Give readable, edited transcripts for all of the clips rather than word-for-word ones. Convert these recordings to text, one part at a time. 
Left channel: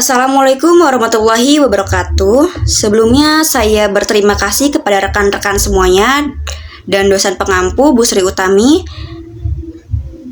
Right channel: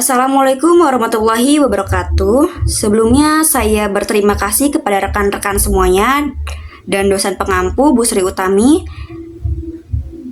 Assalamualaikum warahmatullahi wabarakatuh. Sebelumnya saya berterima kasih kepada rekan-rekan semuanya dan dosen pengampu Bu Sri Utami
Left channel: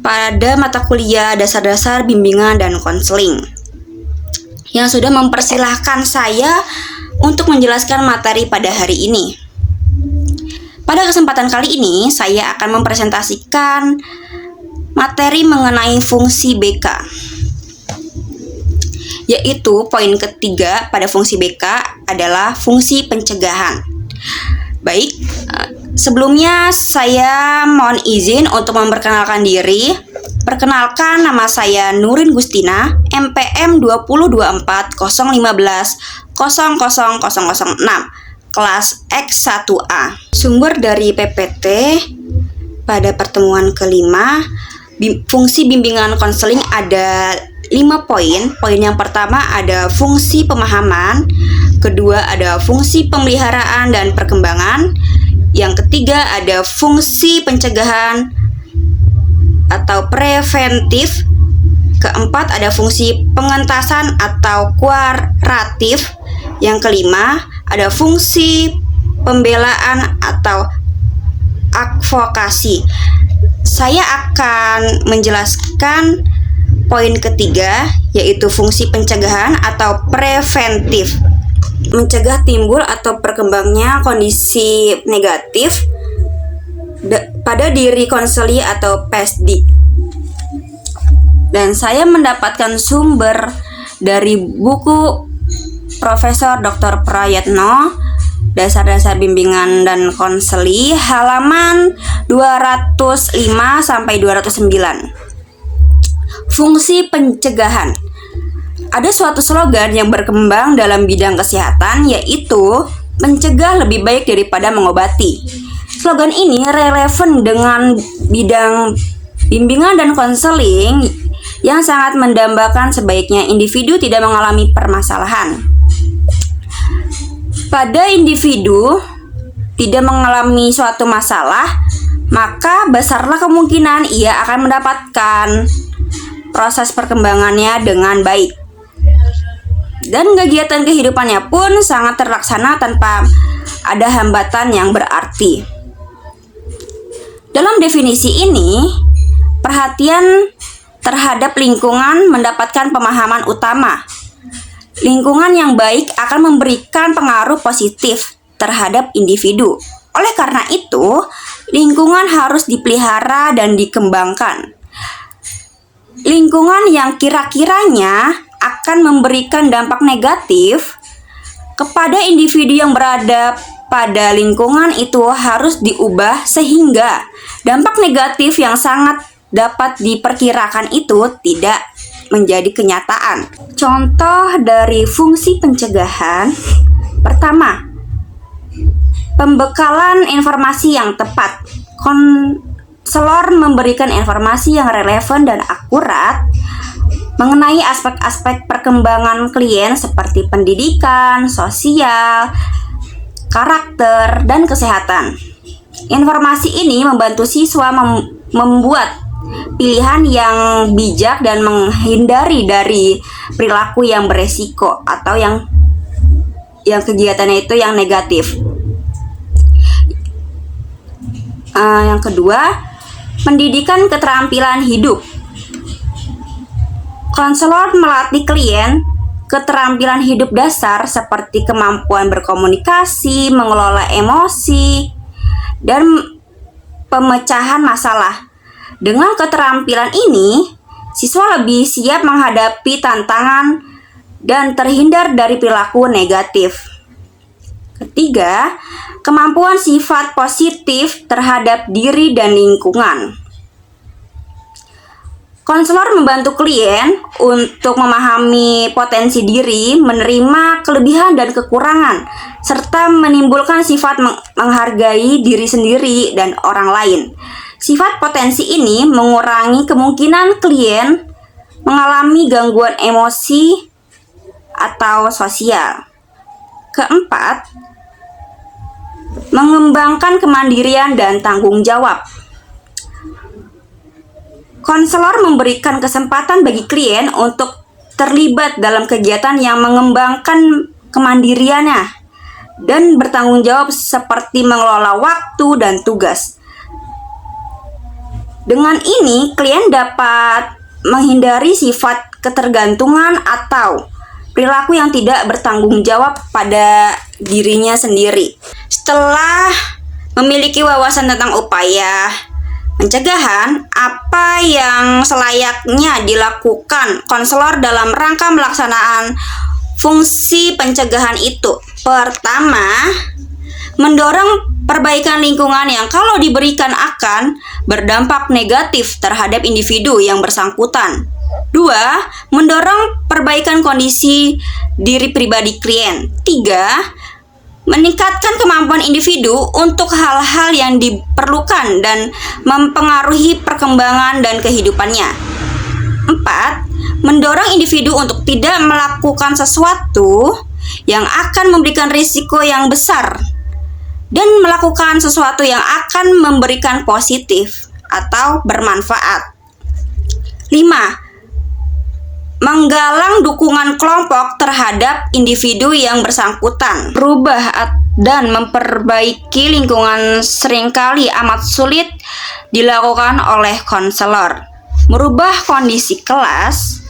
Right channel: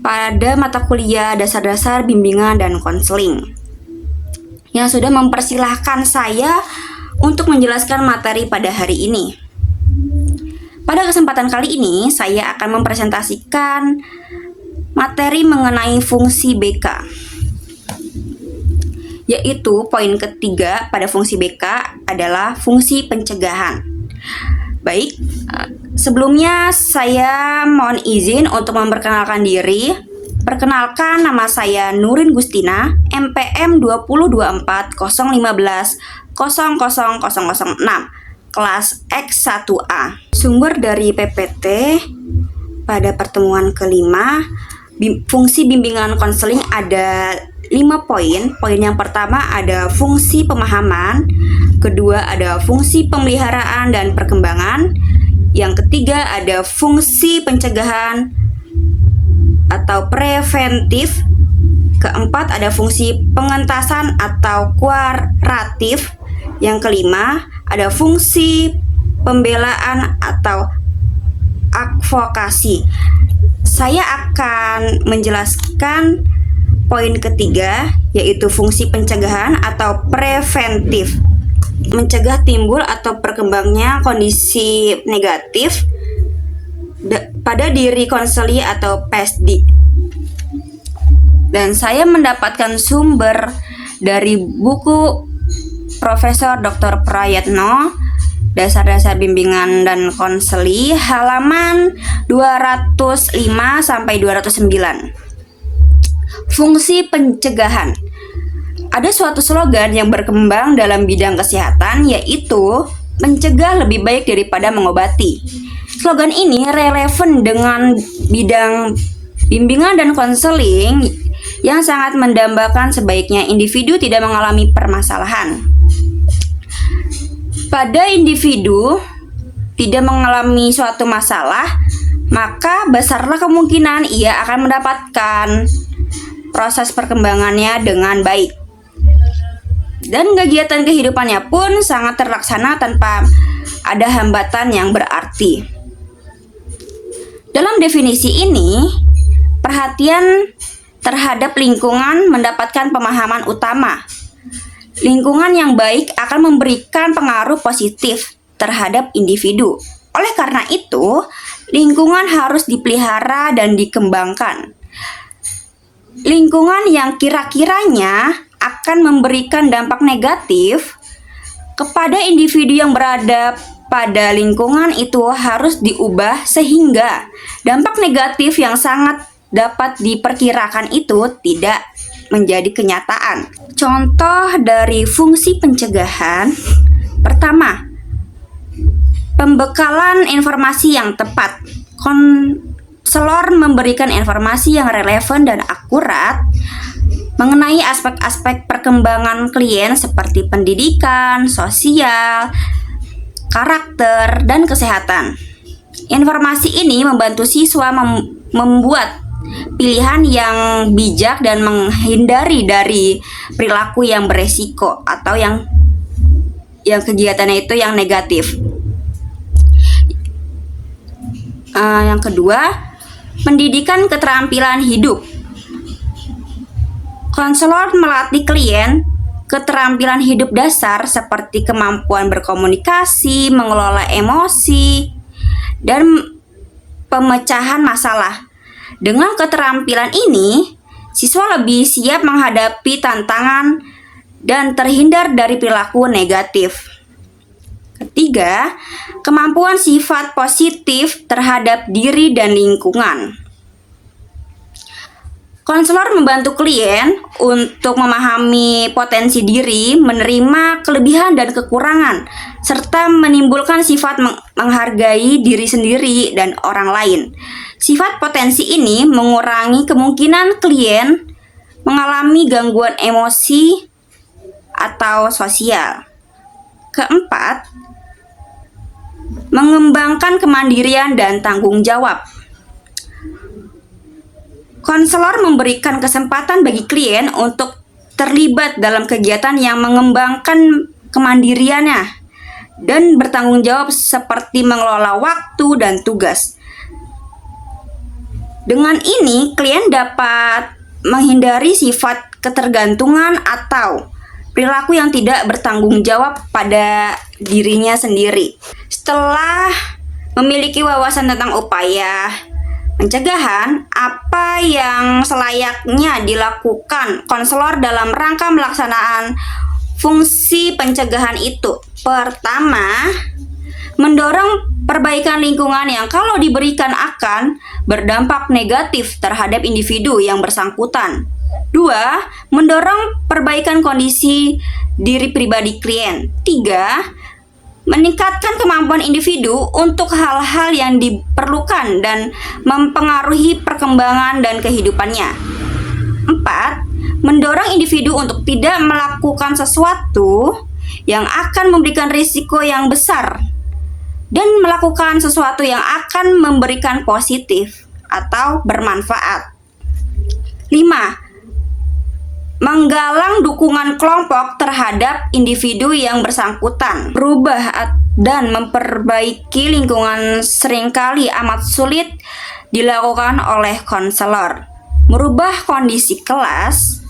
pada mata kuliah dasar-dasar bimbingan dan konseling yang sudah mempersilahkan saya untuk menjelaskan materi pada hari ini. Pada kesempatan kali ini saya akan mempresentasikan materi mengenai fungsi BK, yaitu poin ketiga pada fungsi BK adalah fungsi pencegahan. Baik, sebelumnya saya mohon izin untuk memperkenalkan diri. Perkenalkan, nama saya Nurin Gustina, MPM 202401500006, kelas X1A. Sumber dari PPT pada pertemuan kelima, fungsi bimbingan konseling ada 5 poin. Poin yang pertama ada fungsi pemahaman, kedua ada fungsi pemeliharaan dan perkembangan, yang ketiga ada fungsi pencegahan atau preventif, keempat ada fungsi pengentasan atau kuaratif, yang kelima ada fungsi pembelaan atau advokasi. Saya akan menjelaskan poin ketiga, yaitu fungsi pencegahan atau preventif. Mencegah timbul atau berkembangnya kondisi negatif pada diri konseli atau PSD. Dan saya mendapatkan sumber dari buku Profesor Dr. Prayetno, Dasar-dasar bimbingan dan konseli, halaman 205 sampai 209. Fungsi pencegahan. Ada suatu slogan yang berkembang dalam bidang kesehatan, yaitu mencegah lebih baik daripada mengobati. Slogan ini relevan dengan bidang bimbingan dan konseling yang sangat mendambakan sebaiknya individu tidak mengalami permasalahan. Pada individu tidak mengalami suatu masalah, maka besarlah kemungkinan ia akan mendapatkan proses perkembangannya dengan baik. Dan kegiatan kehidupannya pun sangat terlaksana tanpa ada hambatan yang berarti. Dalam definisi ini, perhatian terhadap lingkungan mendapatkan pemahaman utama. Lingkungan yang baik akan memberikan pengaruh positif terhadap individu. Oleh karena itu, lingkungan harus dipelihara dan dikembangkan. Lingkungan yang kira-kiranya akan memberikan dampak negatif kepada individu yang berada pada lingkungan itu harus diubah sehingga dampak negatif yang sangat dapat diperkirakan itu tidak menjadi kenyataan. Contoh dari fungsi pencegahan, pertama, pembekalan informasi yang tepat. Konselor memberikan informasi yang relevan dan akurat mengenai aspek-aspek perkembangan klien seperti pendidikan, sosial, karakter, dan kesehatan. Informasi ini membantu siswa membuat pilihan yang bijak dan menghindari dari perilaku yang beresiko atau yang kegiatannya itu yang negatif. Yang kedua, pendidikan keterampilan hidup. Konselor melatih klien keterampilan hidup dasar seperti kemampuan berkomunikasi, mengelola emosi, dan pemecahan masalah. Dengan keterampilan ini, siswa lebih siap menghadapi tantangan dan terhindar dari perilaku negatif. Ketiga, kemampuan sifat positif terhadap diri dan lingkungan. Konselor membantu klien untuk memahami potensi diri, menerima kelebihan dan kekurangan, serta menimbulkan sifat menghargai diri sendiri dan orang lain. Sifat potensi ini mengurangi kemungkinan klien mengalami gangguan emosi atau sosial. Keempat, mengembangkan kemandirian dan tanggung jawab. Konselor memberikan kesempatan bagi klien untuk terlibat dalam kegiatan yang mengembangkan kemandiriannya dan bertanggung jawab seperti mengelola waktu dan tugas. Dengan ini, klien dapat menghindari sifat ketergantungan atau perilaku yang tidak bertanggung jawab pada dirinya sendiri. Setelah memiliki wawasan tentang upaya pencegahan, apa yang selayaknya dilakukan konselor dalam rangka melaksanaan fungsi pencegahan itu? Pertama, mendorong perbaikan lingkungan yang kalau diberikan akan berdampak negatif terhadap individu yang bersangkutan. 2. Mendorong perbaikan kondisi diri pribadi klien. 3. Meningkatkan kemampuan individu untuk hal-hal yang diperlukan dan mempengaruhi perkembangan dan kehidupannya. 4. Mendorong individu untuk tidak melakukan sesuatu yang akan memberikan risiko yang besar dan melakukan sesuatu yang akan memberikan positif atau bermanfaat. 5. Menggalang dukungan kelompok terhadap individu yang bersangkutan. Berubah dan memperbaiki lingkungan seringkali amat sulit dilakukan oleh konselor. Merubah kondisi kelas,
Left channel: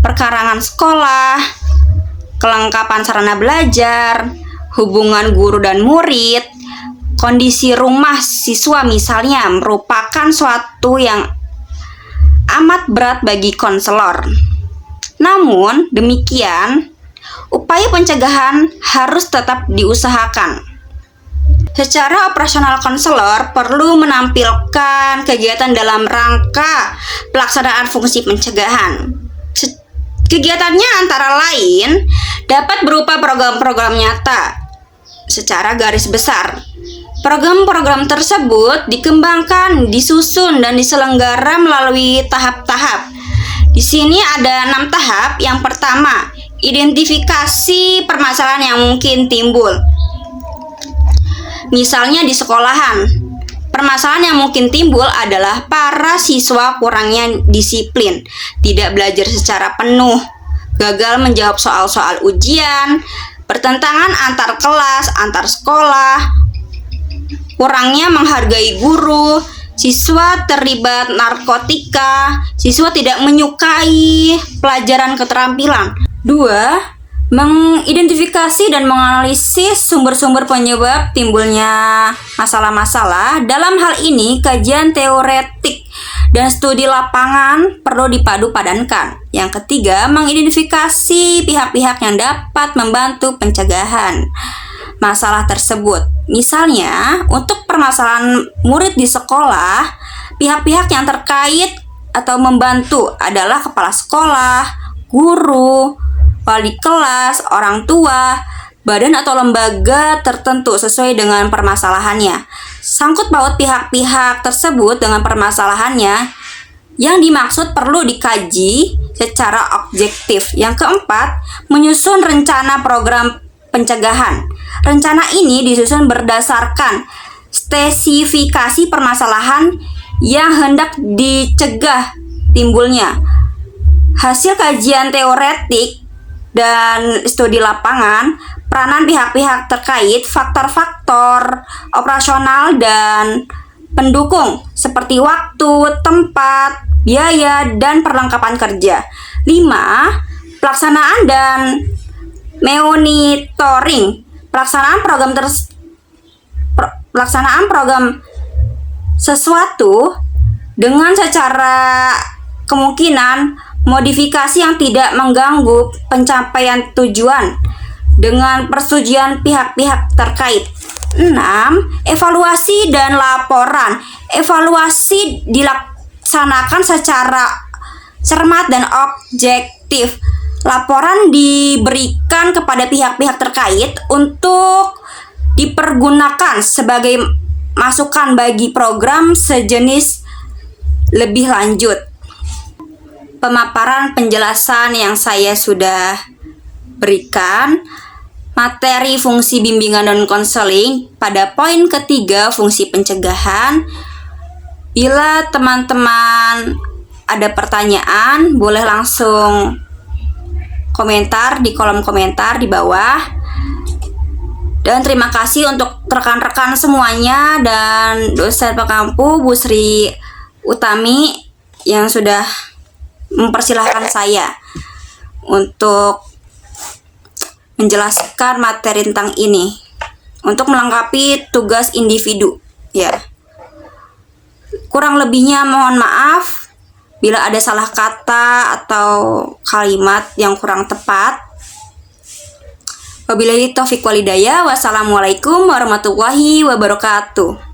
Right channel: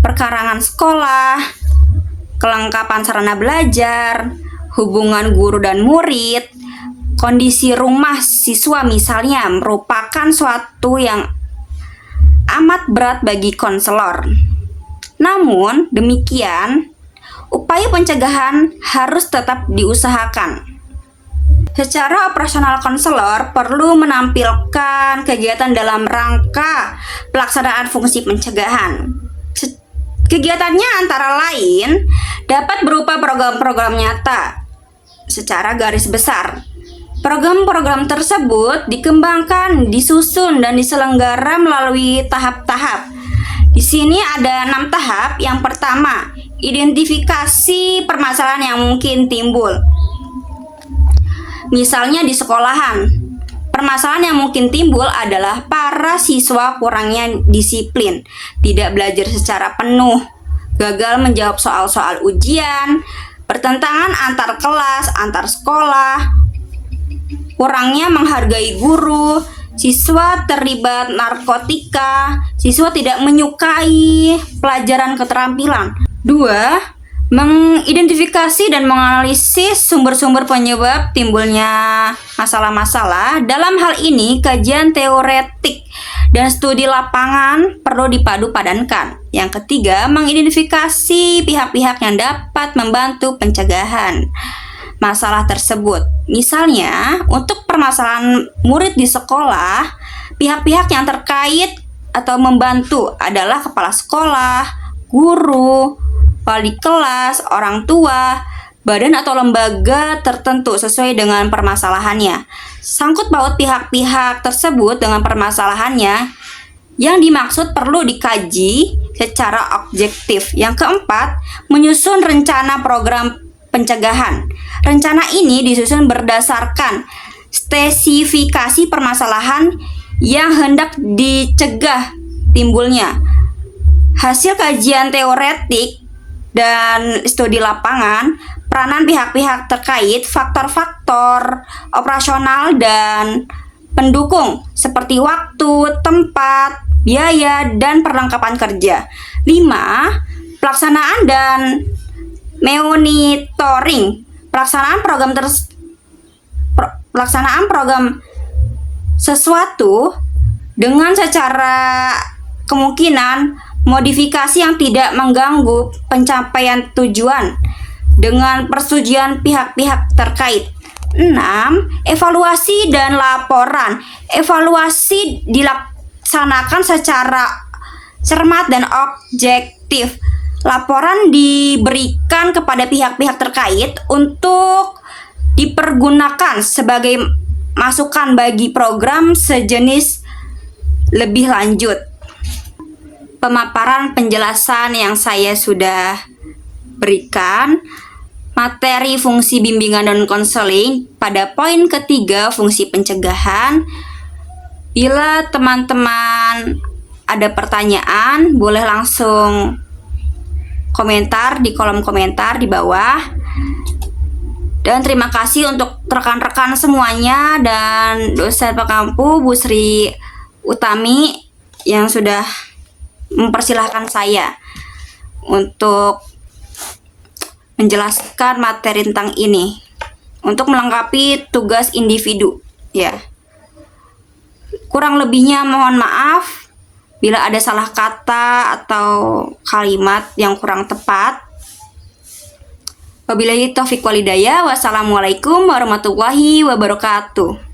perkarangan sekolah, kelengkapan sarana belajar, hubungan guru dan murid, kondisi rumah siswa misalnya merupakan suatu yang amat berat bagi konselor. Namun demikian, upaya pencegahan harus tetap diusahakan. Secara operasional, konselor perlu menampilkan kegiatan dalam rangka pelaksanaan fungsi pencegahan. Kegiatannya antara lain dapat berupa program-program nyata secara garis besar. Program-program tersebut dikembangkan, disusun, dan diselenggara melalui tahap-tahap. Di sini ada 6 tahap. Yang pertama, identifikasi permasalahan yang mungkin timbul. Misalnya di sekolahan, permasalahan yang mungkin timbul adalah para siswa kurangnya disiplin, tidak belajar secara penuh, gagal menjawab soal-soal ujian, pertentangan antar kelas, antar sekolah, kurangnya menghargai guru, siswa terlibat narkotika, siswa tidak menyukai pelajaran keterampilan. 2. Mengidentifikasi dan menganalisis sumber-sumber penyebab timbulnya masalah-masalah. Dalam hal ini, kajian teoretik dan studi lapangan perlu dipadu-padankan. Yang ketiga, mengidentifikasi pihak-pihak yang dapat membantu pencegahan masalah tersebut. Misalnya, untuk permasalahan murid di sekolah, pihak-pihak yang terkait atau membantu adalah kepala sekolah, guru, wali kelas, orang tua, badan atau lembaga tertentu sesuai dengan permasalahannya. Sangkut paut pihak-pihak tersebut dengan permasalahannya yang dimaksud perlu dikaji secara objektif. Yang keempat, menyusun rencana program pencegahan. Rencana ini disusun berdasarkan spesifikasi permasalahan yang hendak dicegah timbulnya. Hasil kajian teoretik dan studi lapangan, peranan pihak-pihak terkait, faktor-faktor operasional dan pendukung seperti waktu, tempat, biaya, dan perlengkapan kerja. 5. Pelaksanaan dan monitoring. Pelaksanaan program sesuatu dengan secara kemungkinan modifikasi yang tidak mengganggu pencapaian tujuan dengan persetujuan pihak-pihak terkait. 6. Evaluasi dan laporan. Evaluasi dilaksanakan secara cermat dan objektif. Laporan diberikan kepada pihak-pihak terkait untuk dipergunakan sebagai masukan bagi program sejenis lebih lanjut. Pemaparan penjelasan yang saya sudah berikan, materi fungsi bimbingan dan konseling pada poin ketiga fungsi pencegahan. Bila teman-teman ada pertanyaan, boleh langsung komentar di kolom komentar di bawah. Dan terima kasih untuk rekan-rekan semuanya dan dosen pengampu Bu Sri Utami yang sudah mempersilahkan saya untuk menjelaskan materi tentang ini untuk melengkapi tugas individu ya. Kurang lebihnya mohon maaf bila ada salah kata atau kalimat yang kurang tepat. Wabillahi taufiq walhidayah. Wassalamualaikum warahmatullahi wabarakatuh.